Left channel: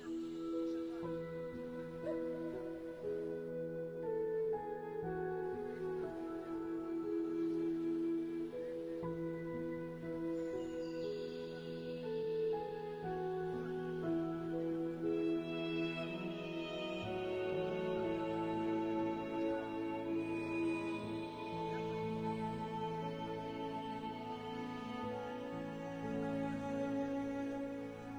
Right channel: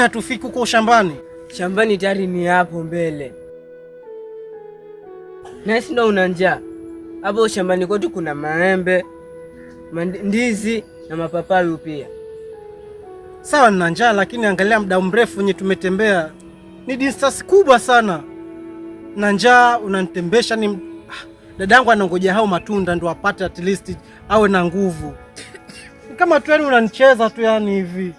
Kwani hatufiki huko shambani? Shambani tayari ni hapo mbele. Nasi ndo una njaa. Hapo shambani kwetu kuna maembe, ndizi na mapapayu pia. Sawa, nina njaa, lakini angalia muda mrefu wenye tumetembea. Ni distance kubwa sana. Na njaa unanitembesha ni dadangu anangoja hao matunda ndo apate at least awe na nguvu. Kama tu yani unanicheza tu yani hivi.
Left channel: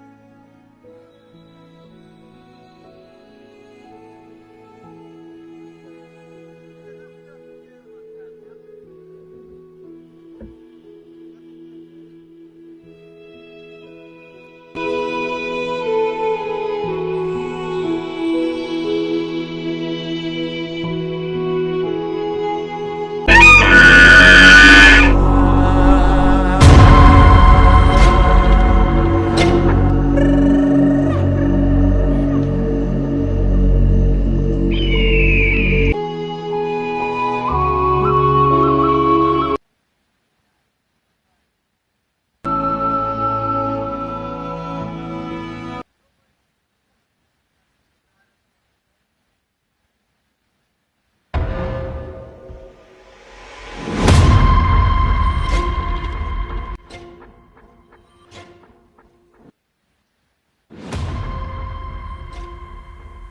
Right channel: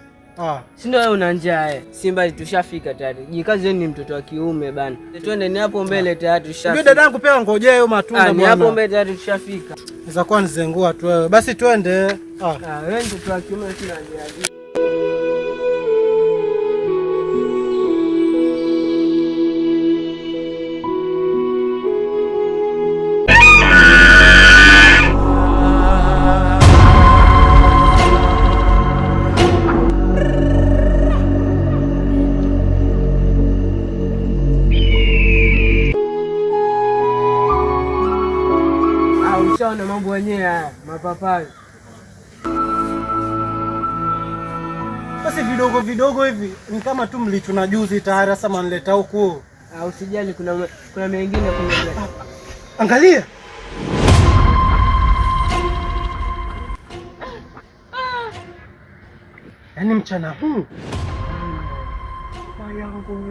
Si ndio wewe una njaa Simba tushafika tayari. Jikaze ni mtoto wa kiume bana. Twende ni hapo mbele tayari tushafika. Ndio dadangu pia ngojea hiyo matunda bwana. Ni hapo mbele tayari tushafika. Inaweza kuwa nizengua tu wewe. Basi twende. Wewe mtoto wa kiume sina njaa. Na mambo wenyewe haya mapapai. Basi vidogo vidogo hivi ni kama tu mlichuna juzi tayari, sasa manileta huku. Usijali, kuna mengine kule. Angalia. Yaani mchana huu yangu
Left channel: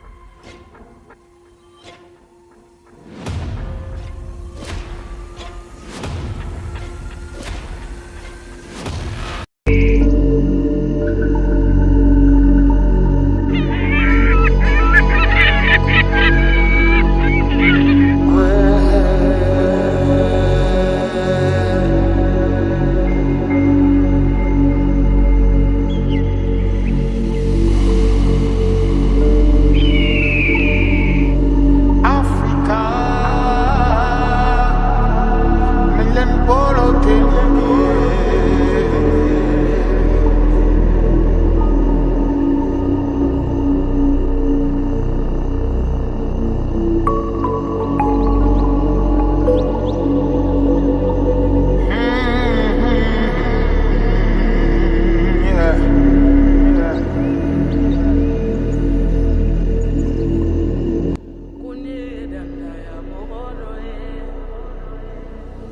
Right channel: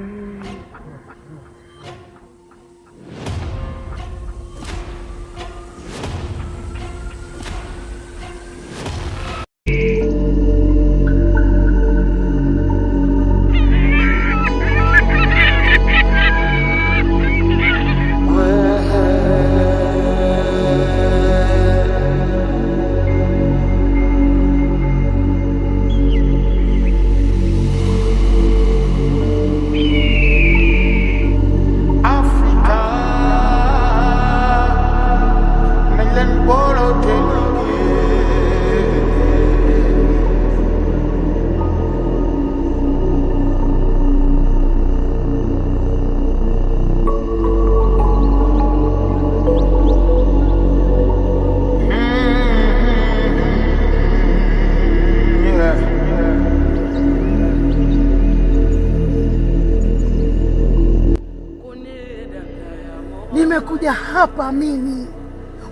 nimekuja hapa mimi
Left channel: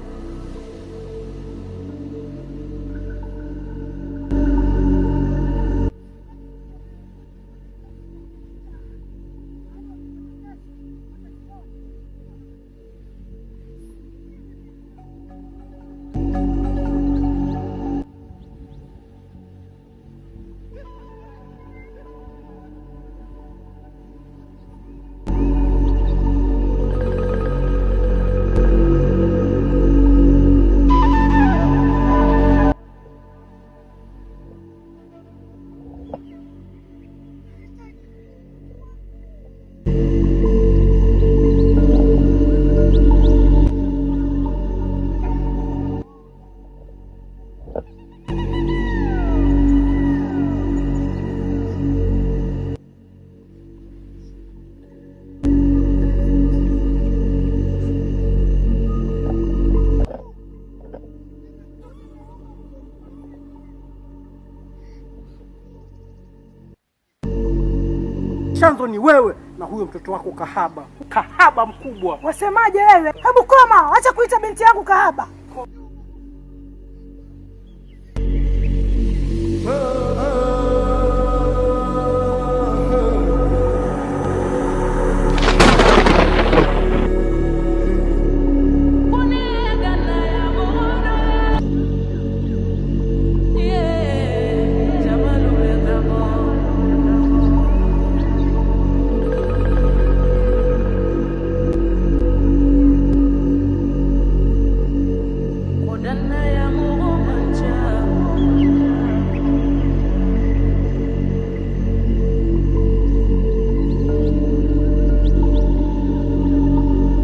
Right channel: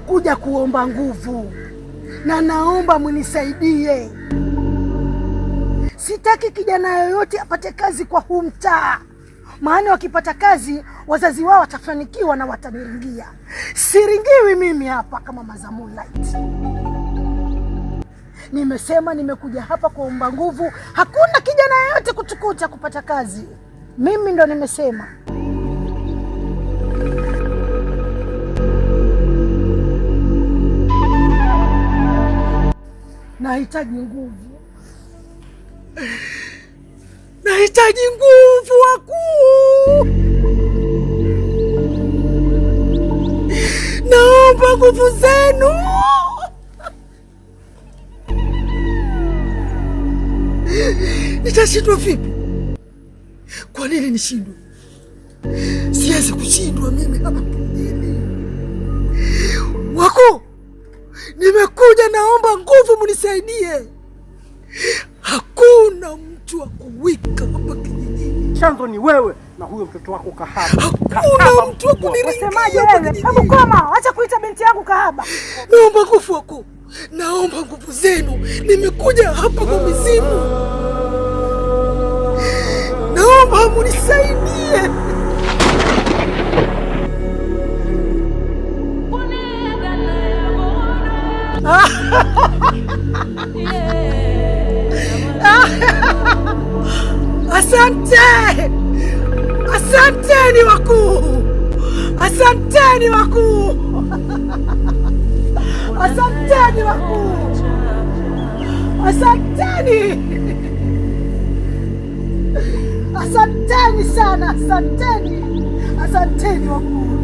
kuja kuomba nguvu na naomba munisaidie. Sitaki kijana yoyote apate kazi kwa huu mtaa, maana wakipata kazi wazazi wao watafanikiwa na wataniringia. Siringiwi mimi hapa kama Maza Moonlight. Nimesema nimekuja hapa kuomba nguvu, hakuna kijana yoyote kutukuta kupata kazi. Mimi ndo nimesema. Nahitaji nguvu. Nahitaji nguvu wakuu. Naomba nguvu zenu. Nitashindwa vipi? Kwa nini nishindwe? Siwezi kushindwa mimi hapa. Wakuu, nimekuja naomba nguvu munisaidie. Hakuna mtu wa kuwika hapa kijijini. Chanzo ni wewe na huyo mtoto wako kahaba. Kahaba mkubwa. Wasemaje wewe? Hebu koma, acha kuita binti yangu kahaba. Naomba nguvu wakuu. Naomba nguvu zenu. Nimekuja hapa kwa mizimu. Naomba munisaidie. Asante! Asanteni wakuu! Asanteni wakuu! Asanteni wakuu! Asanteni! Asanteni sana! Asanteni! Asanteni wakuu!